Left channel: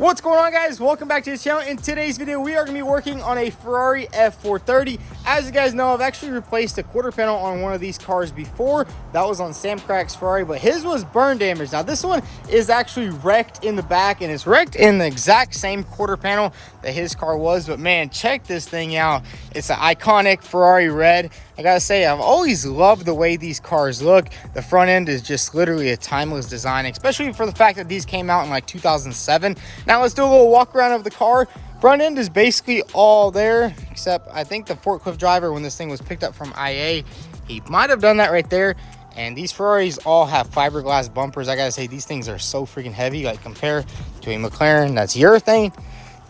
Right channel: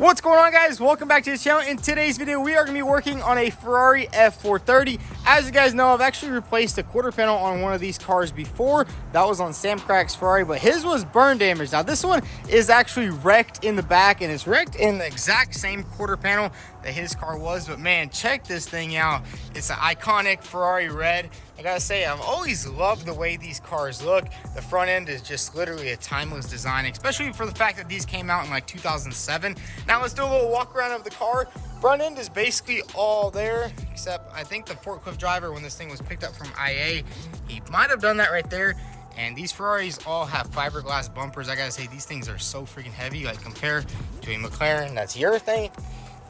What's going on, guys? Welcome back to the channel. In today's video, we are going to be working on a Ferrari F430. As you guys know, I've actually replaced a quarter panel on one of these cars before. That was on Sam Crack's Ferrari, but his was burn damage. Now this one is actually wrecked in the back, and it's wrecked in the exact same quarter panel that his car was. But man, check this thing out. It's an iconic Ferrari red. I gotta say, I've always loved the way these cars look. The front end is just literally a timeless design, especially for the fact that these came out in like 2007. Now let's do a little walk around of the car. Front end is basically all there, except I think the forklift driver, when this thing was picked up from IA, he might have done that right there. And these Ferraris all have fiberglass bumpers. I gotta say, these things are so freaking heavy. Like, compare to a McLaren that's urethane,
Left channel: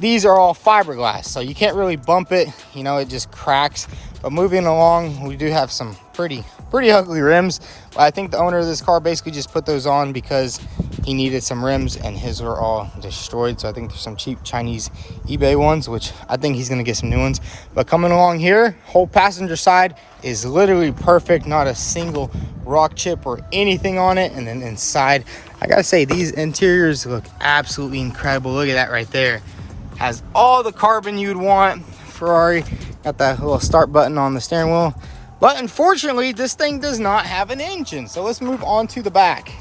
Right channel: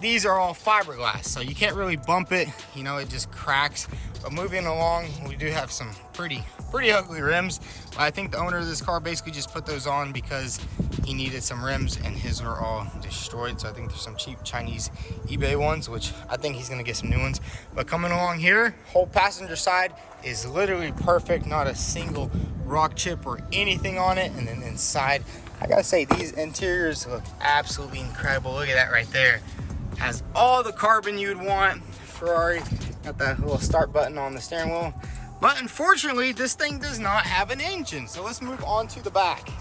these are all fiberglass, so you can't really bump it, you know, it just cracks. But moving along, we do have some pretty ugly rims. I think the owner of this car basically just put those on because he needed some rims, and his were all destroyed. So I think there's some cheap Chinese eBay ones, which I think he's gonna get some new ones. But coming along here, whole passenger side is literally perfect, not a single rock chip or anything on it. And then inside, I gotta say, these interiors look absolutely incredible. Look at that right there. Has all the carbon you'd want. Ferrari got that little start button on the steering wheel, but unfortunately this thing does not have an engine. So let's move on to the back.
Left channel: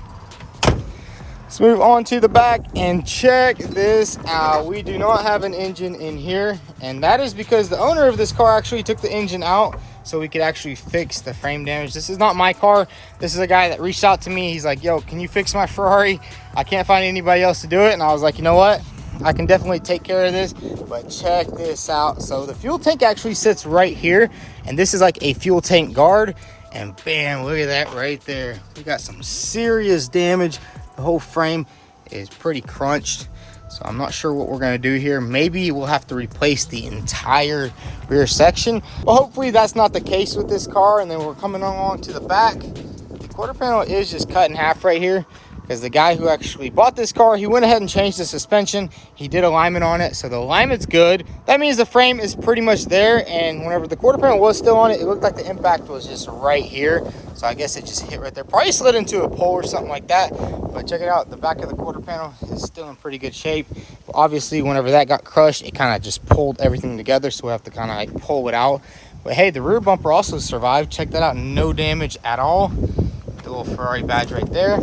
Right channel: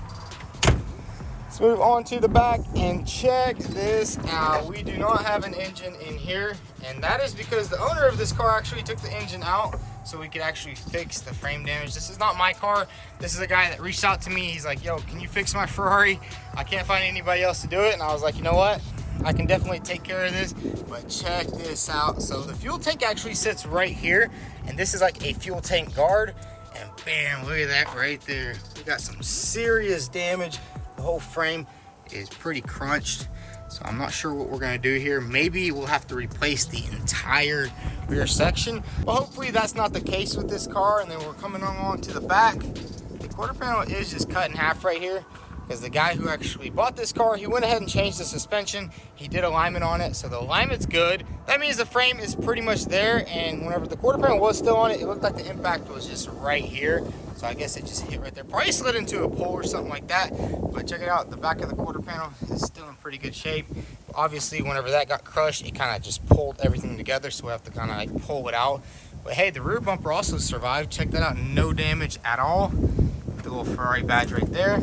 Let's move on to the back and check this out. We do not have an engine in here, and that is because the owner of this car actually took the engine out so we could actually fix the frame damage. This is not my car. This is a guy that reached out to me. He's like, yo, can you fix my Ferrari? I can't find anybody else to do it. And I was like, you know what, I can definitely take care of this. But check this out. So the fuel tank actually sits right here, and this is like a fuel tank guard. And bam, look at that right there. We got some serious damage. The whole frame is pretty crunched. So I'm not sure what we're gonna do here. Maybe we'll have to replace the entire rear section. Well, hopefully that's not the case with this car. And then we're coming along to the back. The quarter panel is just cut in half right here, because the guy who actually bought this car, he went ahead and changed the suspension. He did alignment on it, so the alignment's good. That means the frame is pretty much there, and whenever the quarter panel was still on it, it looked like the impact was just right here. So I guess it just hit right there. Probably slid into a pole or something like that. But check it out, the back of the quarter panel is still in pretty good shape. But obviously, whenever that got crushed, it kind of just pulled everything together, so we'll have to kind of like pull it out. But hey, the rear bumper also survived. Check that out, no damage at all. The little Ferrari badge right there.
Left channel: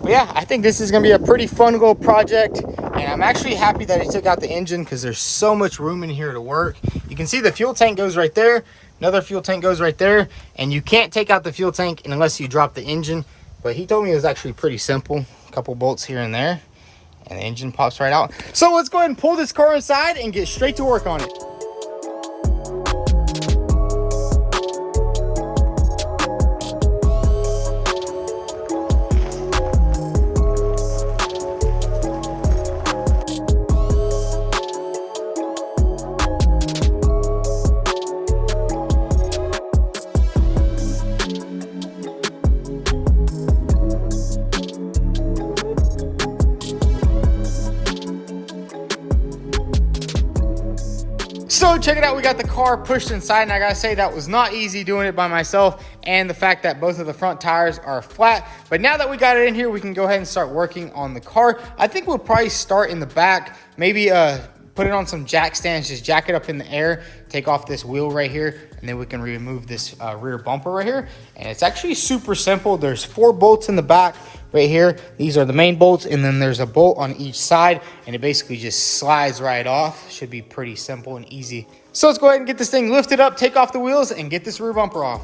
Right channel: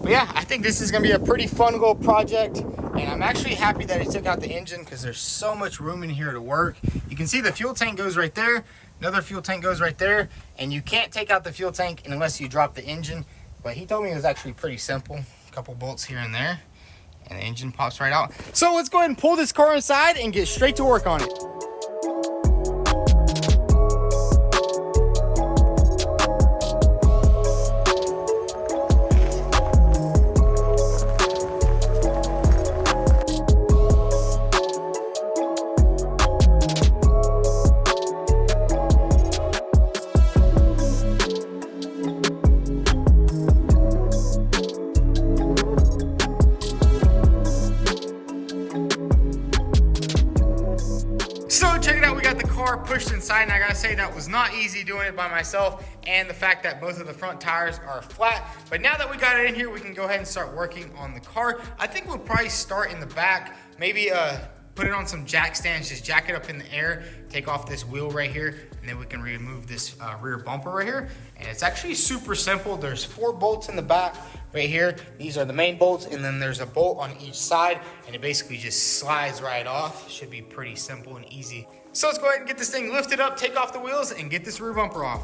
But yeah, I think this is gonna be a pretty fun little project, and I'm actually happy that he took out the engine because there's so much room in here to work. You can see the fuel tank goes right there, another fuel tank goes right there, and you can't take out the fuel tank unless you drop the engine. But he told me it was actually pretty simple, a couple bolts here and there, and the engine pops right out. So let's go ahead and pull this car inside and get straight to work on it. So check it out, we got the car pushed inside, and I gotta say that was not easy doing it by myself, and the fact that both of the front tires are flat. But now that we got it in here, we can go ahead and start working on the car. I think we'll probably start in the back, maybe put it on some jack stands, just jack it up in the air, take off this wheel right here, and then we can remove this rear bumper right here. And it's actually super simple. There's 4 bolts in the back right here. These are the main bolts, and then there's a bolt on each side, and it basically just slides right off. Should be pretty simple and easy. So let's go ahead and get this thing lifted up, take off the wheels, and get this rear bumper off.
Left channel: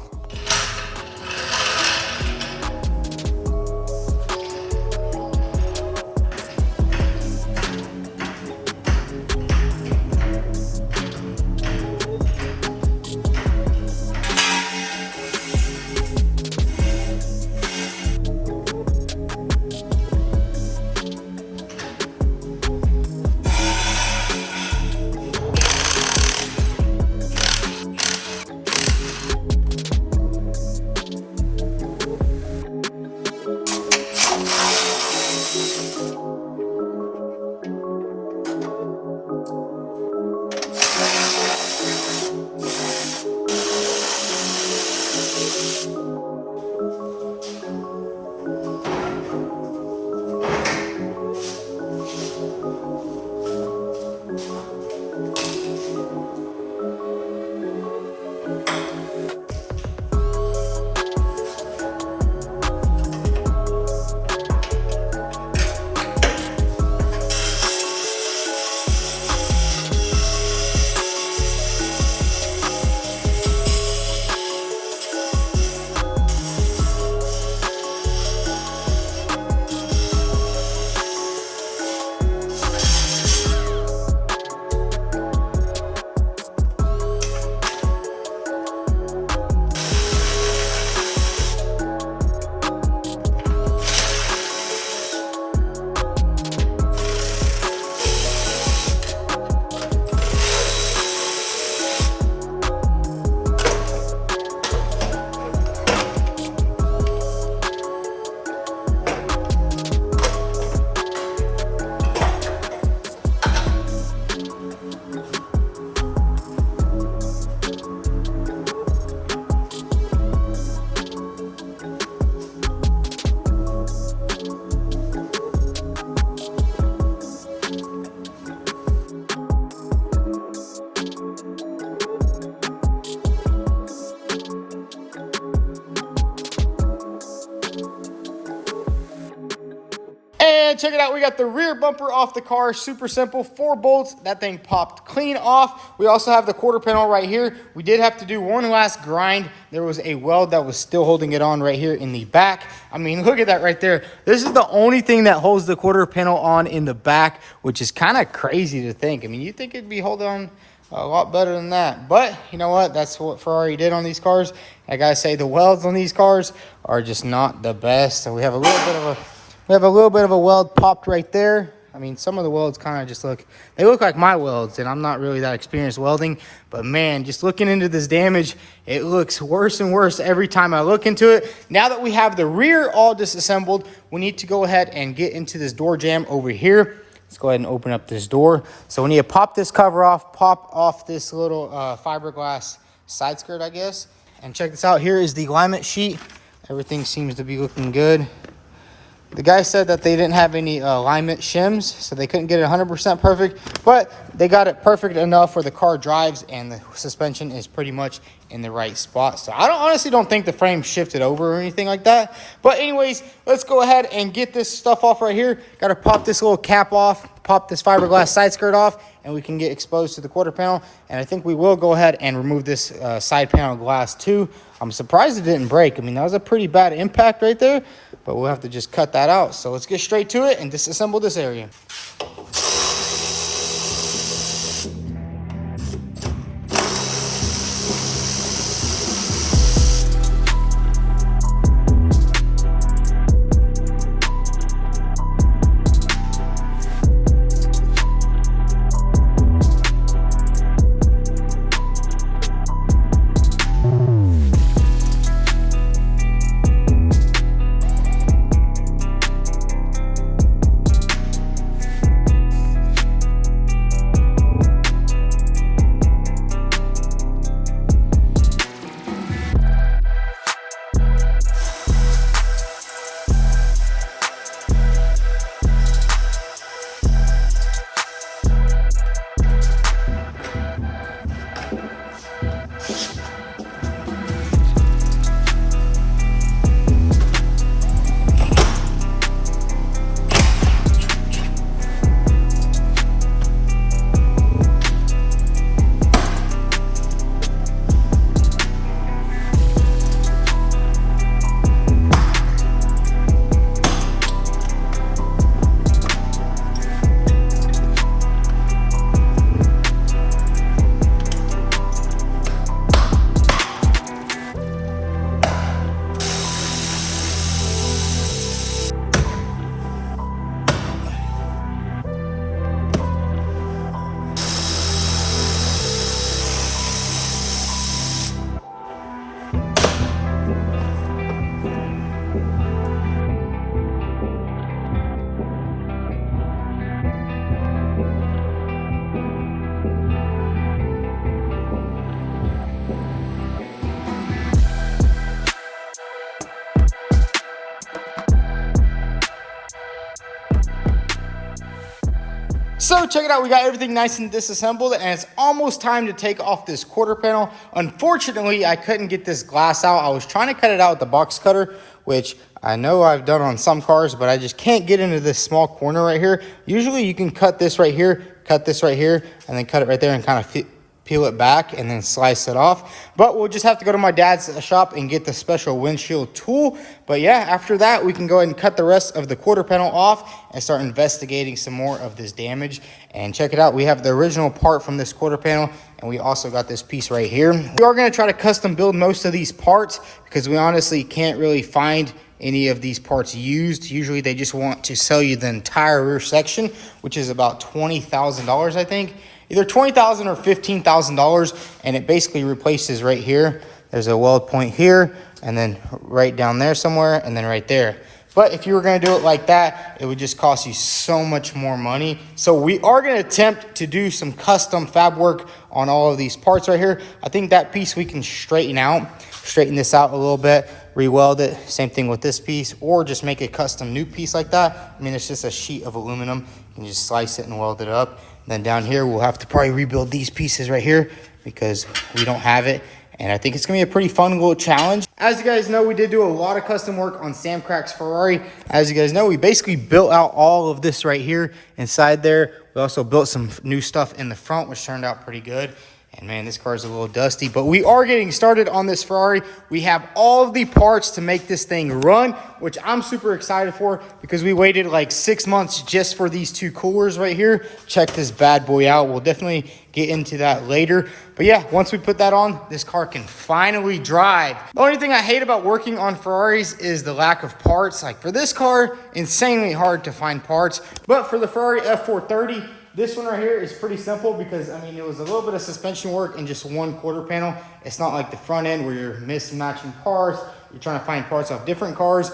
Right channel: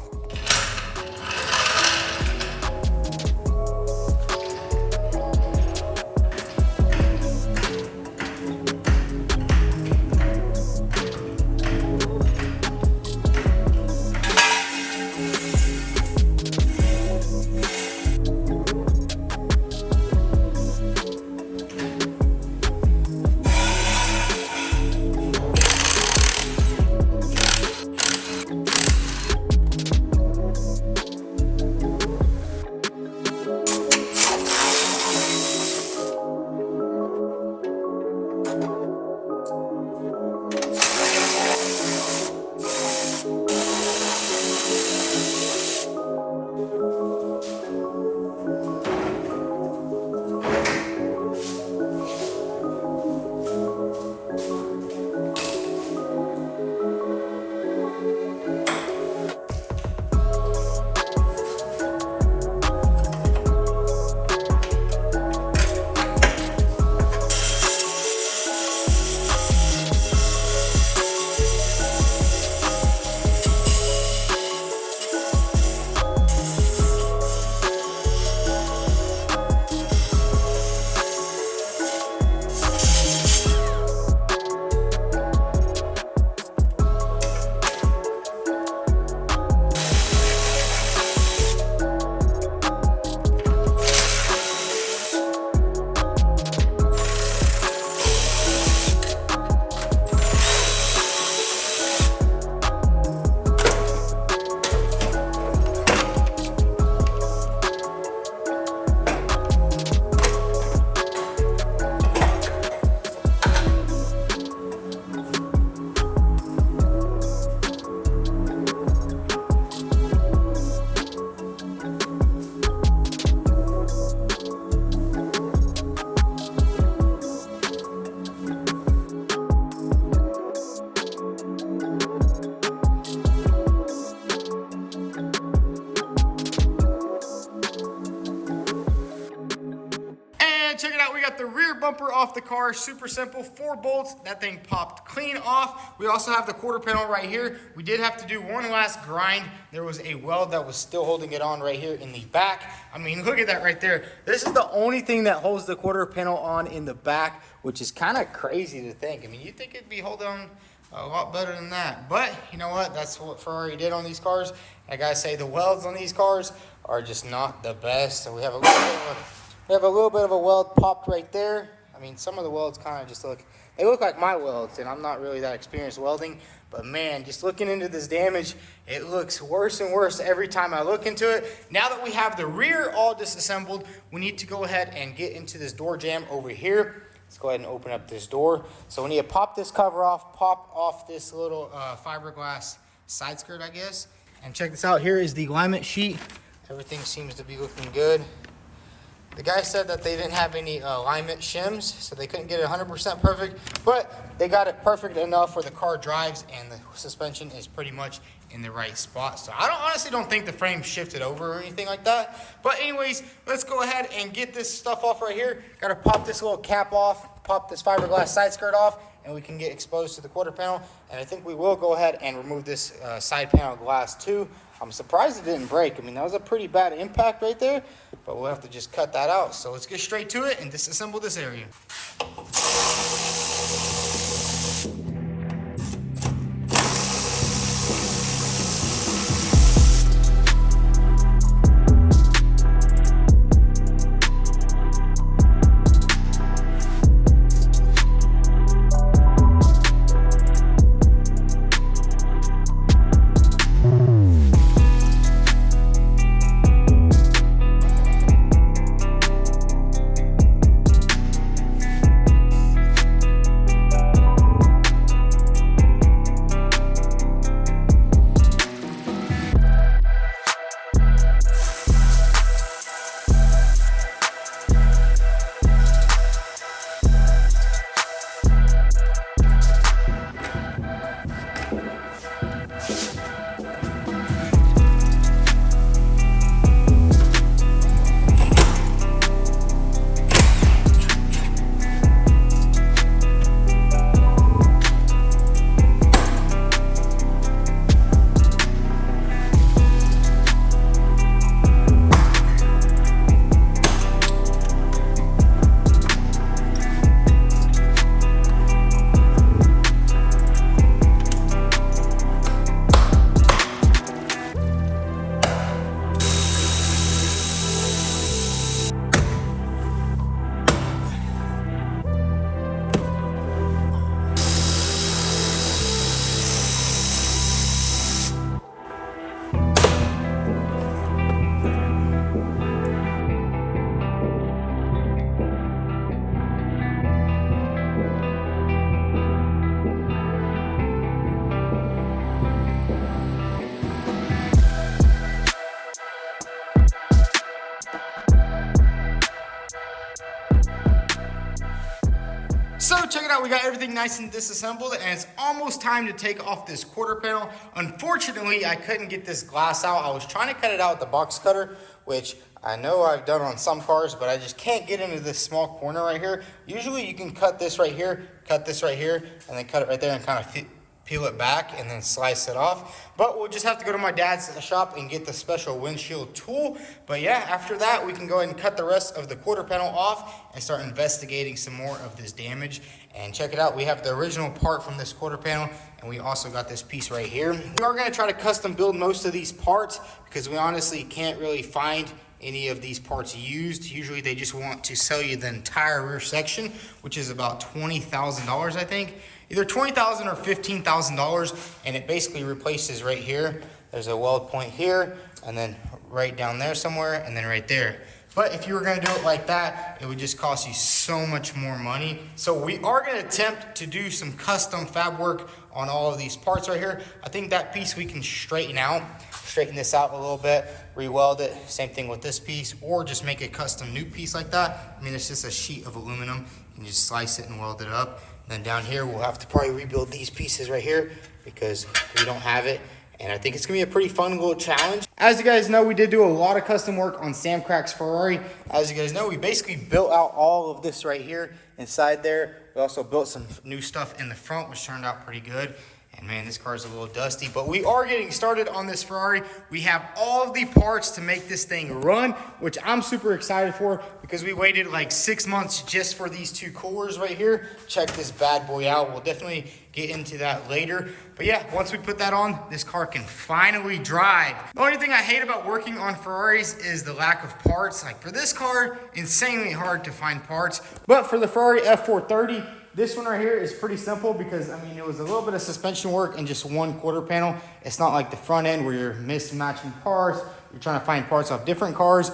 it out. We got the rear bumper off the car. Super simple. 4 bolts. That thing popped clean off. We also have the quarter panel right here. We did have to do one last grind. There was a weld that was still holding it on right here in the back. I mean, look at that right there. This is the only thing that holds the quarter panel on in the back, which is kind of crazy to think. I mean, you think it'd be holding on a lot better than that, but you know what? That's what Ferrari did on these cars. I gotta say, the welds on these cars are just not the best. So we have a little bit of a weld popped right there. I mean, some of the welds kind of just look like my welds, and I'm not really that experienced welding, but man, just looking into this damage, it looks worse and worse every time I look into it. Now that we have the rear all disassembled, we need to go ahead and get into this door jamb over here. Let's go ahead and open up this door. So we need to pop this cover off, pop off this little fiberglass side skirt, I guess. And check this out. Here is the alignment sheet. Everything seems to be looking good. The guy said that they didn't have any alignment shims, so they couldn't get it 100% perfect, but they got it perfect enough where the car drives and the suspension is pretty much in the right spot. So I honestly don't think the frame shifted over or anything like that. But anyways, let's go ahead and get this stuff off right here. Got to pop this little cap off, pop this fiberglass side skirt off, and we can get exposed to the quarter panel. And I think we will go ahead and remove this side panel glass too. I'm surprised it didn't break. I mean, that was a pretty bad impact right there, but we'll have to just cut that out. So let's get straight to it and disassemble this area. So check it out, we got everything nice and disassembled, and it's almost time to take off this quarter panel. Unfortunately, I couldn't get this glass out. I was trying to cut it out with the box cutter, which I know I've done on some cars, but I just can't get into this small corner right here. Usually you can cut this right here, and then cut it right there and kind of peel it back and then slice it off. But we'll just have to go to my dad's shop and get the special windshield tool. But yeah, after that, we can go ahead and cut the rest of the quarter panel off and start investigating some more of this damage. And check it out, we have the original part from this quarter panel, and we also got this piece right here. We are gonna try to custom build most of these parts because we honestly can't really find any of these parts used. Usually they just want to sell you the entire rear section, which is about $20,000, I think. Either $20,000 or $15,000, and it basically replaces right here. There's a weld point here, and then right down there somewhere, and then right there. But if you were gonna do it like that, it would just cost you so much more money. So we are gonna attempt to do some custom fab work on all of these parts right here. I think that piece we can straighten this out a little bit, re-weld it, same thing with this piece, or just make a custom new piece like that. I mean, it's just a sheet of aluminum. You can just slice it and weld it up. Then down here, we'll have to probably rebuild these pieces right here because we don't have it. and I think it's gonna be a pretty fun little challenge. As you guys know, we did do a lot of custom work on Sam Crack's Ferrari. As you guys know, we basically built out all of this right here inside there. We also built some new stuff in the front, which turned out pretty good. And man, this car is a little dusty, but we are getting started on this Ferrari. We have all of the parts to make this thing run, which I'm super excited for because we waited like 6 months just for these two coolers right here. Check this bad boy out. We'll definitely get into that later. But yeah, once we put that on, this car can finally drive. The only thing I hate about working on Ferraris is the lack of parts. Like for this car, insanely hard to find parts. But for the Ferrari F430, this one right here is pretty simple because, I mean, it was a little bit of suspension work in just one quarter panel. It's not like the front end where you're mismatching parts. You're trying to find parts off different cars.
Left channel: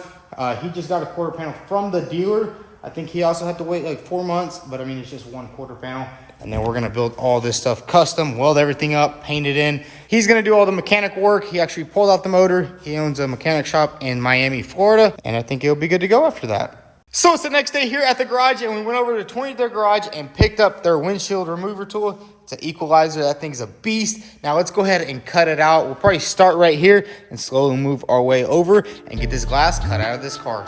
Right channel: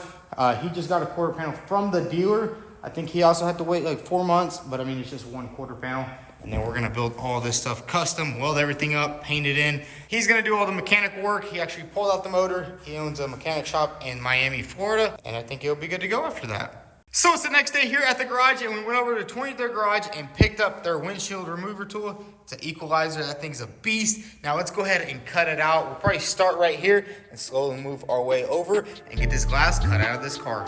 He just got a quarter panel from the dealer. I think he also had to wait like 4 months, but I mean, it's just one quarter panel. And then we're gonna build all this stuff custom, weld everything up, paint it in. He's gonna do all the mechanic work. He actually pulled out the motor. He owns a mechanic shop in Miami, Florida, and I think he'll be good to go after that. So it's the next day here at the garage, and we went over to 23rd Garage and picked up their windshield remover tool. It's an equalizer. That thing's a beast. Now let's go ahead and cut it out. We'll probably start right here and slowly move our way over and get this glass cut out of this car.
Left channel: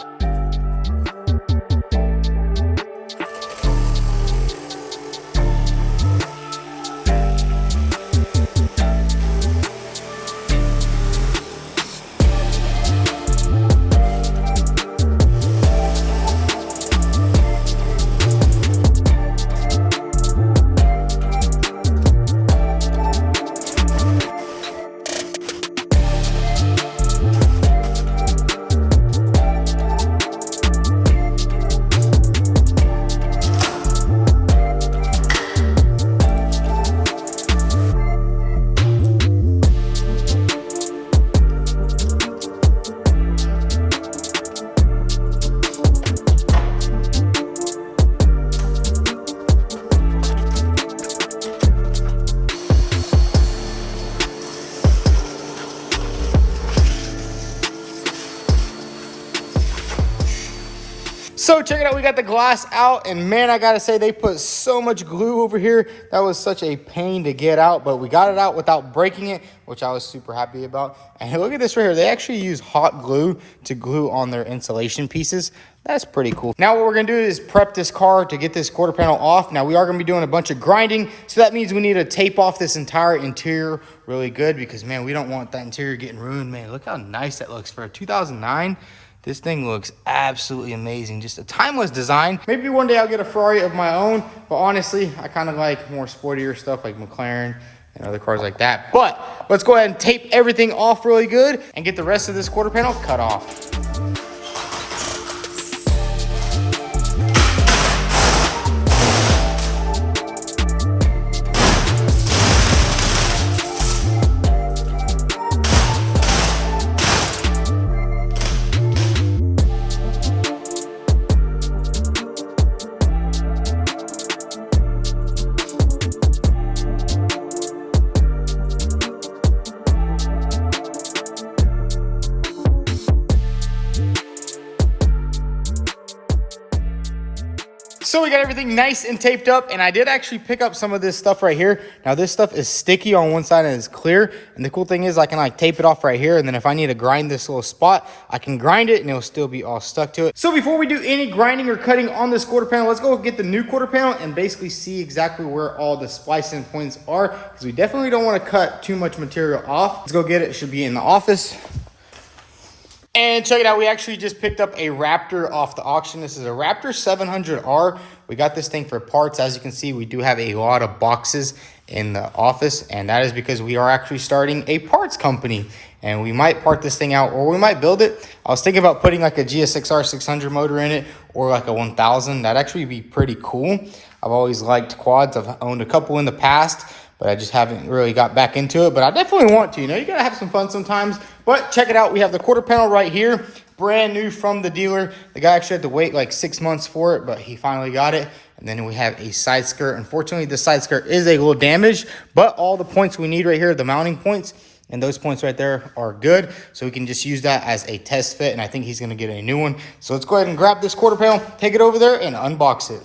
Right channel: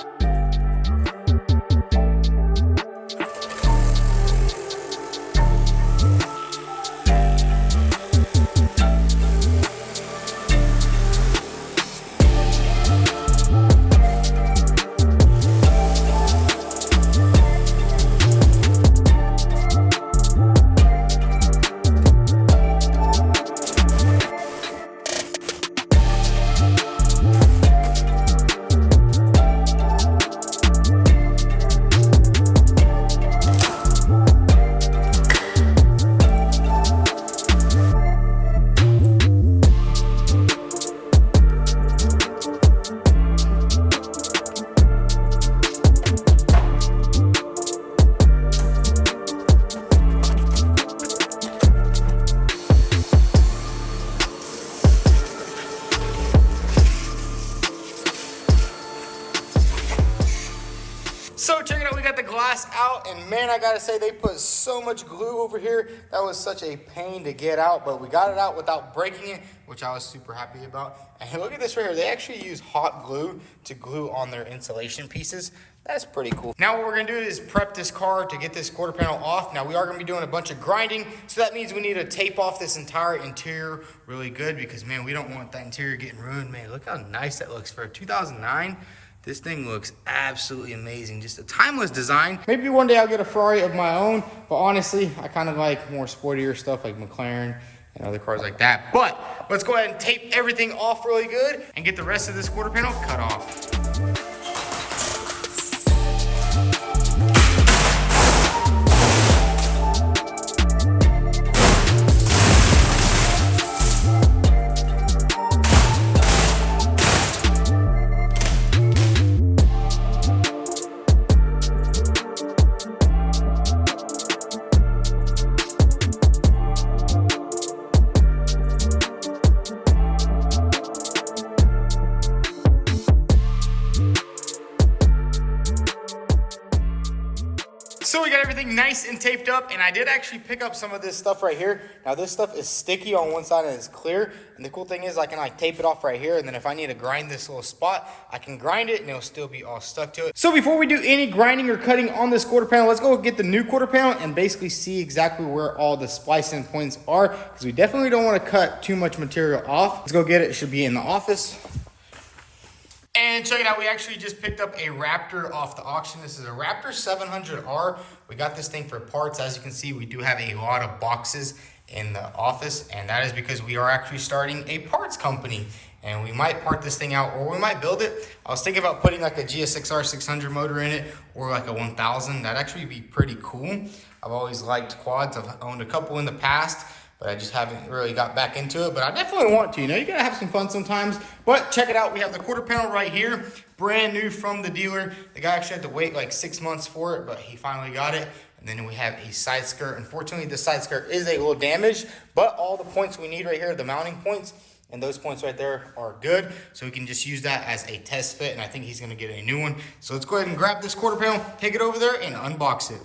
So check it out, we got the glass out, and man, I gotta say, they put so much glue over here. That was such a pain to get out, but we got it out without breaking it, which I was super happy about. And look at this right here. They actually use hot glue to glue on their insulation pieces. That's pretty cool. Now what we're gonna do is prep this car to get this quarter panel off. Now we are gonna be doing a bunch of grinding, so that means we need to tape off this entire interior really good because man, we don't want that interior getting ruined. Man, look how nice that looks for a 2009. This thing looks absolutely amazing. Just a timeless design. Maybe one day I'll get a Ferrari of my own, but honestly, I kind of like more sportier stuff like McLaren and other cars like that. But let's go ahead and tape everything off really good and get the rest of this quarter panel cut off. So we got everything nice and taped up, and I did actually pick up some of this stuff right here. Now this stuff is sticky on one side and it's clear, and the cool thing is I can like tape it off right here, and then if I need to grind this little spot, I can grind it and it'll still be all stuck to it. So before we do any grinding or cutting on this quarter panel, let's go get the new quarter panel and basically see exactly where all the splicing points are, because we definitely don't want to cut too much material off. Let's go get it. It should be in the office. And check it out, we actually just picked up a Raptor off the auction. This is a Raptor 700R. We got this thing for parts. As you can see, we do have a lot of boxes in the office, and that is because we are actually starting a parts company, and we might part this thing out or we might build it. I was thinking about putting like a GSX-R 600 motor in it or like a 1000. That'd actually be pretty cool. I've always liked quads. I've owned a couple in the past, but I just haven't really got back into it. But I definitely want to. You know, you gotta have some fun sometimes. But check it out. We have the quarter panel right here, brand new from the dealer. The guy actually had to wait like 6 months for it, but he finally got it. And then we have a side skirt. Unfortunately, the side skirt is a little damaged, but all the points we need right here, the mounting points, and those points right there are good. So we can just use that as a test fit, and I think he's gonna get a new one. So let's go ahead and grab this quarter panel, take it over there, and unbox it.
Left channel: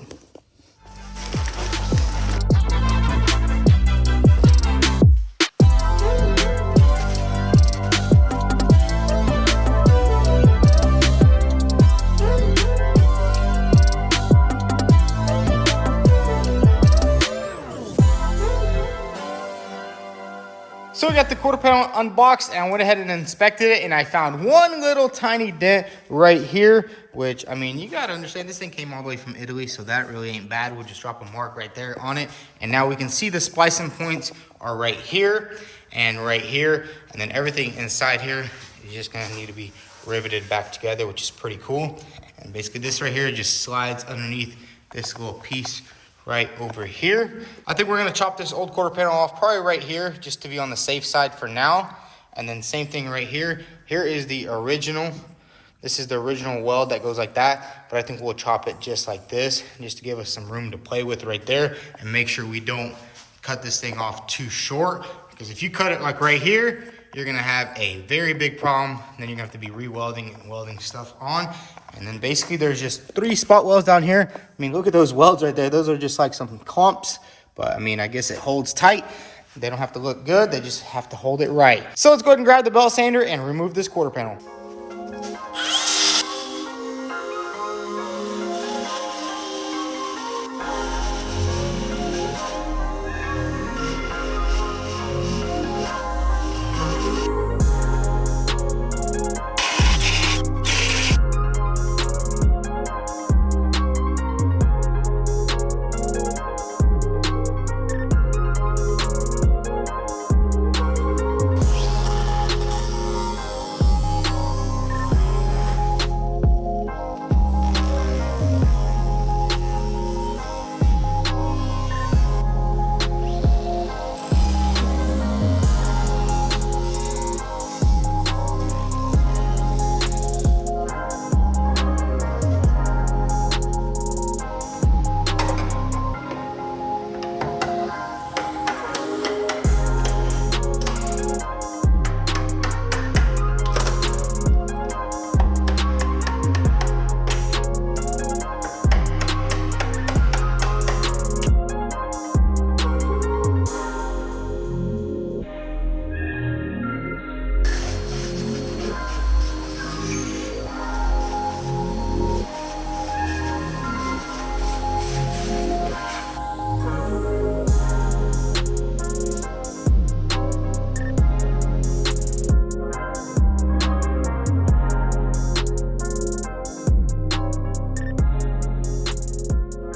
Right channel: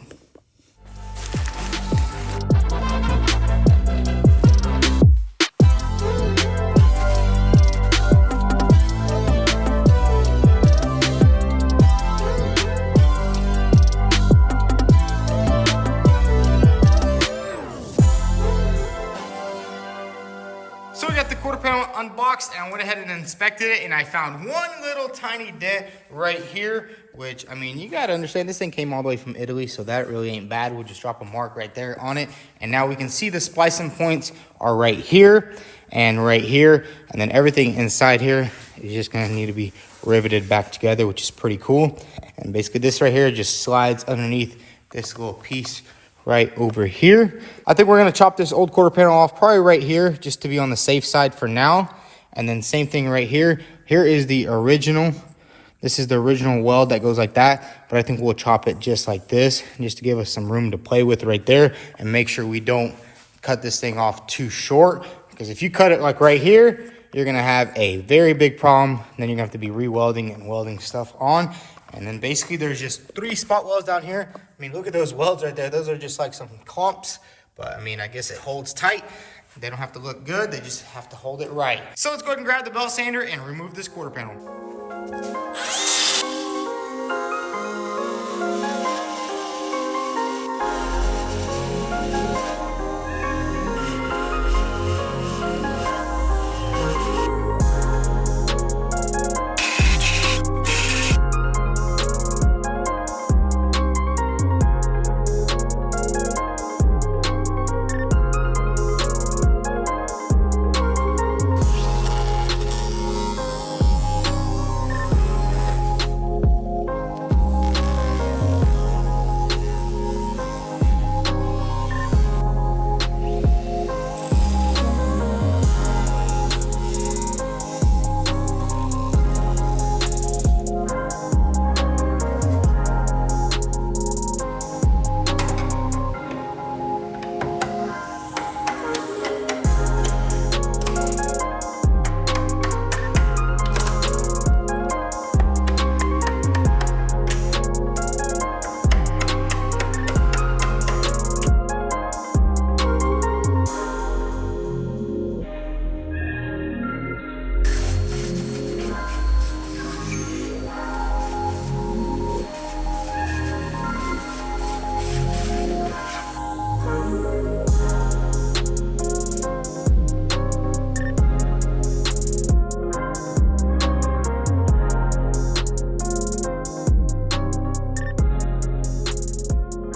So we got the quarter panel unboxed, and I went ahead and inspected it, and I found one little tiny dent right here, which, I mean, you got to understand, this thing came all the way from Italy, so that really ain't bad. We'll just drop a mark right there on it, and now we can see the splicing points are right here and right here, and then everything inside here is just going to need to be riveted back together, which is pretty cool. And basically this right here just slides underneath this little piece right over here. I think we're gonna chop this old quarter panel off probably right here just to be on the safe side for now. And then same thing right here. Here is the original. This is the original weld that goes like that, but I think we'll chop it just like this just to give us some room to play with right there and make sure we don't cut this thing off too short, because if you cut it like right here, you're gonna have a very big problem. Then you're gonna have to be re-welding and welding stuff on. And then basically there's just 3 spot welds down here. I mean, look at those welds right there. Those are just like some clumps, but I mean, I guess it holds tight. They don't have to look good. They just have to hold it right. So let's go ahead and grab the belt sander and remove this quarter panel.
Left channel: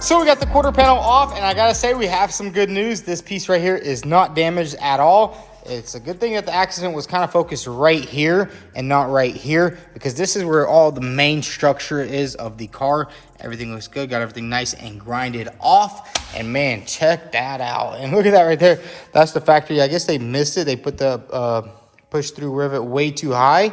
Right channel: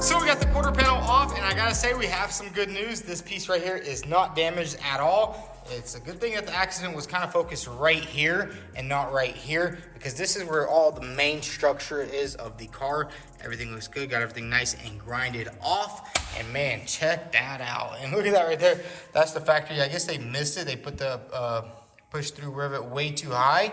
So we got the quarter panel off, and I gotta say we have some good news. This piece right here is not damaged at all. It's a good thing that the accident was kind of focused right here and not right here, because this is where all the main structure is of the car. Everything looks good, got everything nice and grinded off. And man, check that out. And look at that right there. That's the factory. I guess they missed it. They put the push through rivet way too high,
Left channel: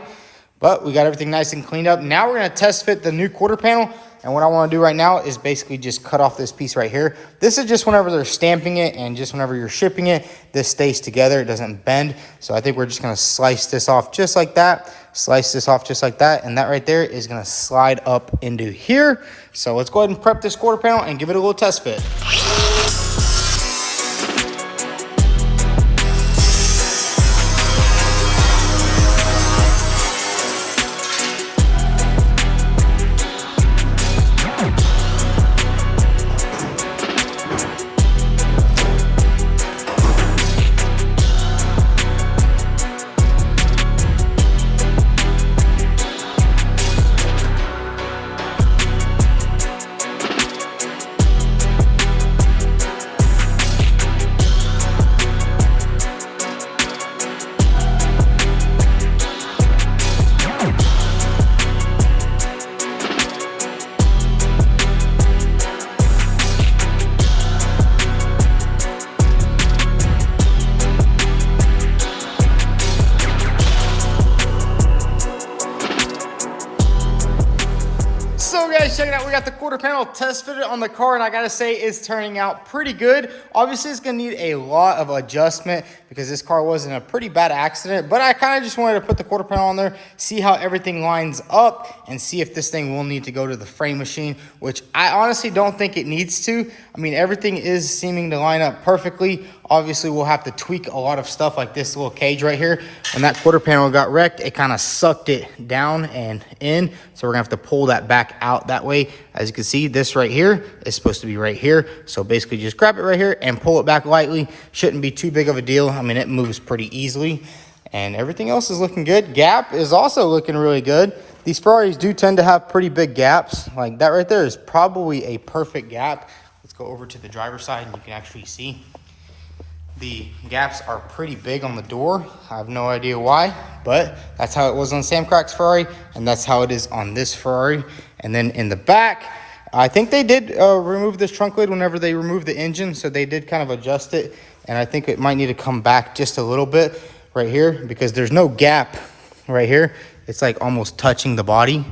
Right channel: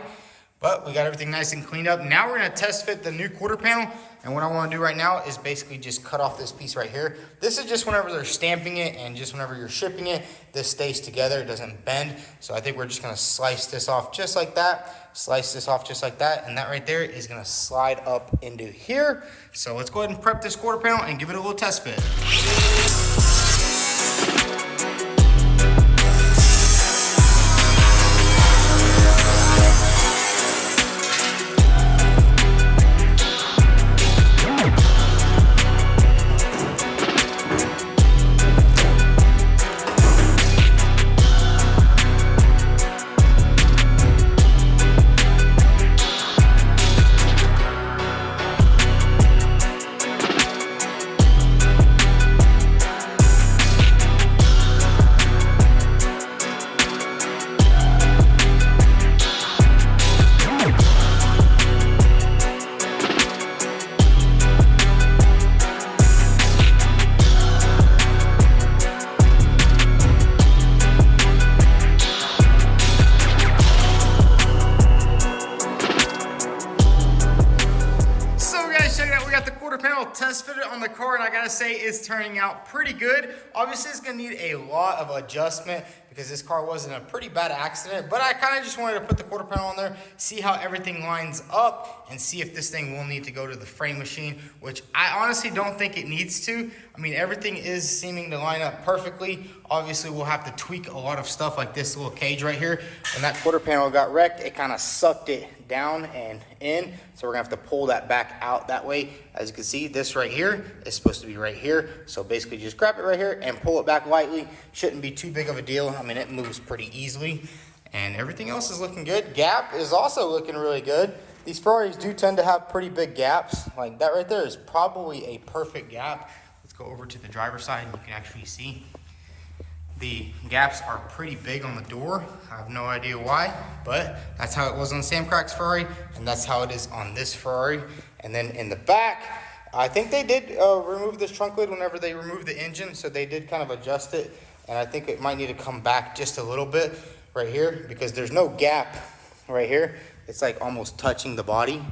but we got everything nice and cleaned up. Now we're gonna test fit the new quarter panel. And what I want to do right now is basically just cut off this piece right here. This is just whenever they're stamping it, and just whenever you're shipping it, this stays together, it doesn't bend. So I think we're just gonna slice this off just like that, slice this off just like that, and that right there is gonna slide up into here. So let's go ahead and prep this quarter panel and give it a little test fit. Check it out, we got the quarter panel test fitted on the car, and I gotta say it's turning out pretty good. Obviously it's gonna need a lot of adjustment because this car was in a pretty bad accident, but I kind of just wanted to put the quarter panel on there, see how everything lines up, and see if this thing will need to go to the frame machine, which I honestly don't think it needs to. I mean, everything is seeming to line up perfectly. Obviously, we'll have to tweak a lot of stuff like this little cage right here. When that quarter panel got wrecked, it kind of sucked it down and in. So we're gonna have to pull that back out that way. As you can see, this right here is supposed to be right here. So basically just grab it right here and pull it back lightly. Shouldn't be too big of a deal. I mean, it moves pretty easily. And everything else is looking good. Gap is also looking really good. These Ferraris do tend to have pretty big gaps. Like that right there is probably a perfect gap. Let's go over to the driver's side and you can actually see the gaps are pretty big on the door. I have no idea why, but that's how it was on Sam Crack's Ferrari, and that's how it is on this Ferrari. And then in the back, I think they did remove this trunk lid whenever they removed the engine, so they did kind of adjust it, and I think it might need to come back just a little bit right here because there's no gap right here. It's like almost touching the body.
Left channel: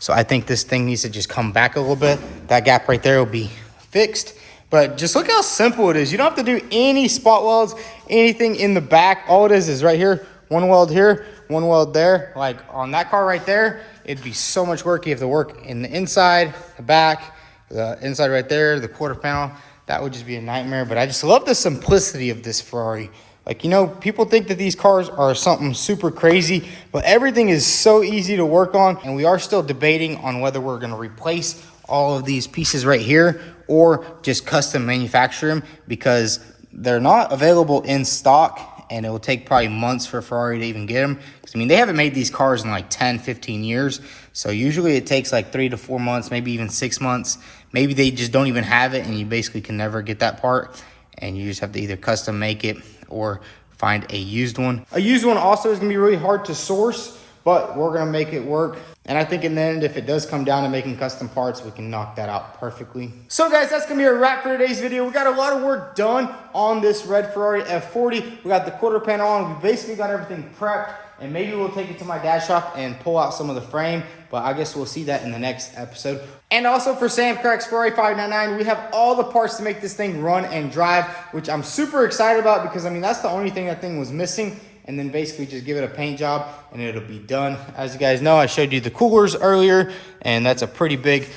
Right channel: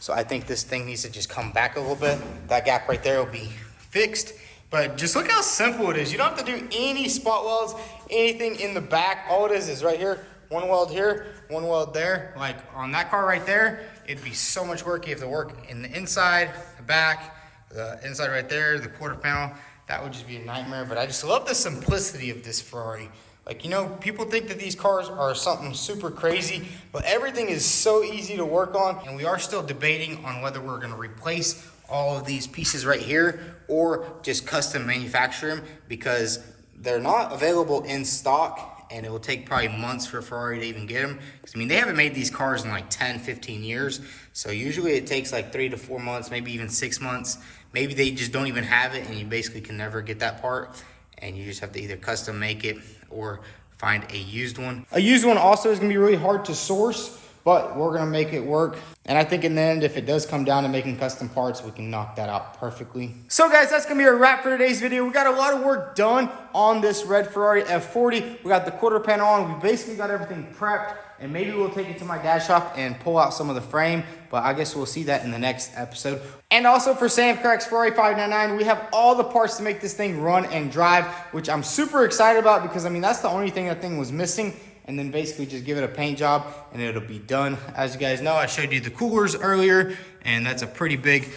So I think this thing needs to just come back a little bit. That gap right there will be fixed. But just look how simple it is. You don't have to do any spot welds, anything in the back. All it is right here, one weld here, one weld there. Like on that car right there, it'd be so much work. You have to work in the inside, the back, the inside right there, the quarter panel. That would just be a nightmare. But I just love the simplicity of this Ferrari. Like, you know, people think that these cars are something super crazy, but everything is so easy to work on. And we are still debating on whether we're gonna replace all of these pieces right here or just custom manufacture them because they're not available in stock and it will take probably months for Ferrari to even get them. I mean, they haven't made these cars in like 10, 15 years. So usually it takes like 3 to 4 months, maybe even 6 months. Maybe they just don't even have it and you basically can never get that part. And you just have to either custom make it or find a used one. A used one also is gonna be really hard to source, but we're gonna make it work. And I think in the end, if it does come down to making custom parts, we can knock that out perfectly. So guys, that's gonna be a wrap for today's video. We got a lot of work done on this red Ferrari F40. We got the quarter panel on. We basically got everything prepped. And maybe we'll take it to my dad's shop and pull out some of the frame, but I guess we'll see that in the next episode. And also for Sam Crack's Ferrari 599, we have all the parts to make this thing run and drive, which I'm super excited about because I mean, that's the only thing that thing was missing. And then basically just give it a paint job and it'll be done. As you guys know, I showed you the coolers earlier and that's a pretty big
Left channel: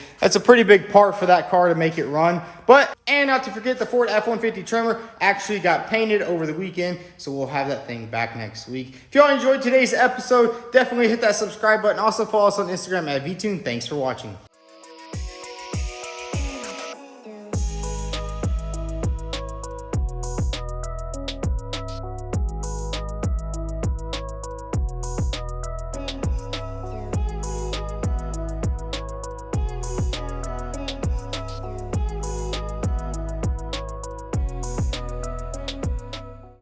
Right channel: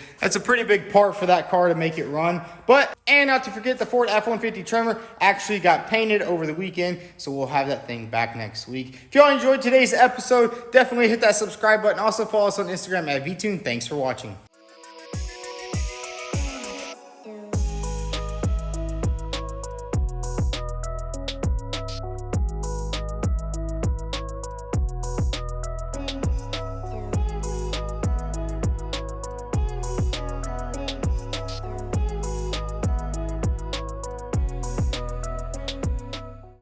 part for that car to make it run. And not to forget, the Ford F-150 trimmer actually got painted over the weekend, so we'll have that thing back next week. If y'all enjoyed today's episode, definitely hit that subscribe button. Also follow us on Instagram at vTuned. Thanks for watching.